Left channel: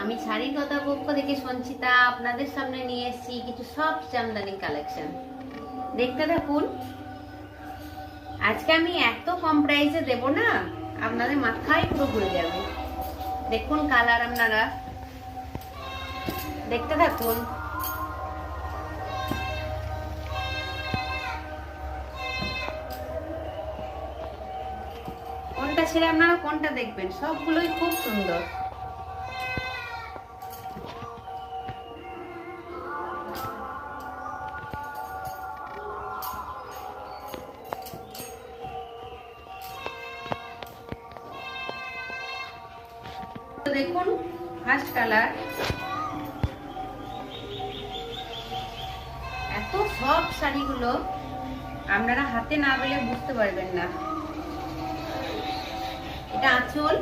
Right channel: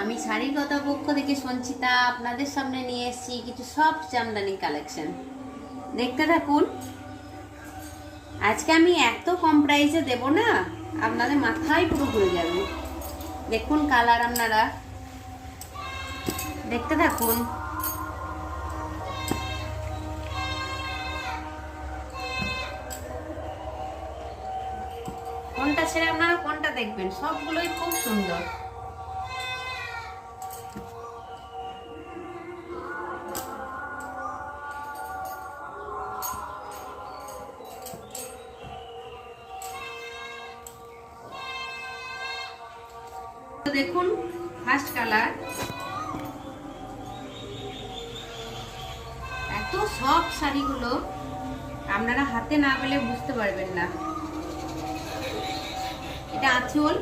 আমি শাড়ির কথা পক্ষ থেকে সঞ্চিতা আপনাদের সামনে নিয়ে এসেছি কিছু সব জামদানি কালেকশন। দেখতে থাকুন। আজকে আমি এত কম প্রাইসে দেব না, আপনাদের মাথায় পুরো ঘুরে যাবে। দেখুন কালার, আপনারা দেখতে থাকুন। কোনটা ছেড়ে আপনারা কোনটা দেখবেন, সবগুলোই খুব সুন্দর। দেখুন ফার্স্ট কালার, এত সব শাড়িগুলো আপনারা হাতে না পেলে বুঝতে পারবেন না। এটা আঁচল,